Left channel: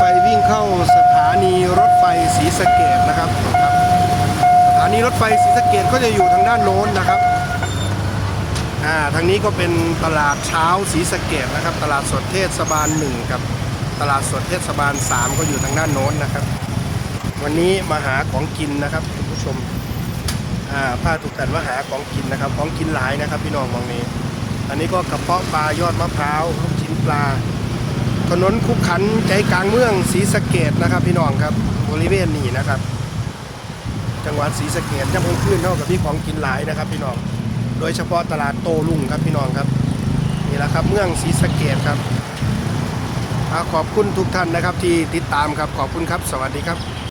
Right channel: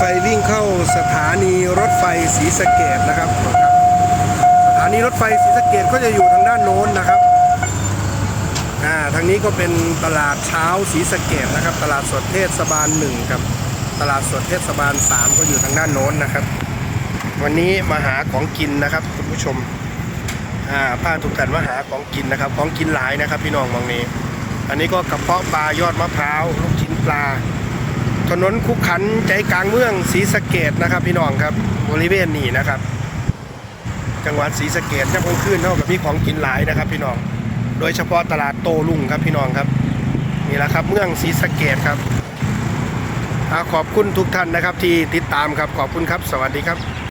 ฟวิ่งเข้าสถานีรถไฟศรีสะเกดนะครับครับสถานีรถไฟศรีสะเกดก็จะอยู่ทางด้านโน้นนะครับอ่าทางนี้ก็เป็นตลาดเช้าศรีสะเกดนะครับ ตลาดสดเทศบาลหนึ่งกับตลาดสดเทศบาลสามก็อยู่ทางด้านโน้นนะครับ วันนี้มาหาของกินนะครับคุณผู้ชมอ่าผ้าถูกกันว่าหาของกินนะครับ ของกินหลายนะครับพี่น้องมองนี้ อันนี้ก็กระเพาะปลายอดมะพร้าวลูกชิ้นปลา ถนนคุกขันใจกลางเมืองศรีสะเกดนะครับ พี่น้องครับบริเวณนี้นะครับ จังหวัดศรีสะเกดย่ำกลางคืนเท่ากับมีของกินหลายนะครับ พี่น้อง โดยเฉพาะตลาดโตลุงครับพี่น้องครับนี่แหละครับเมืองศรีสะเกดครับอ่าขอบคุณทุกท่านนะครับที่ติดตามครับขอบคุณครับ สวัสดีครับ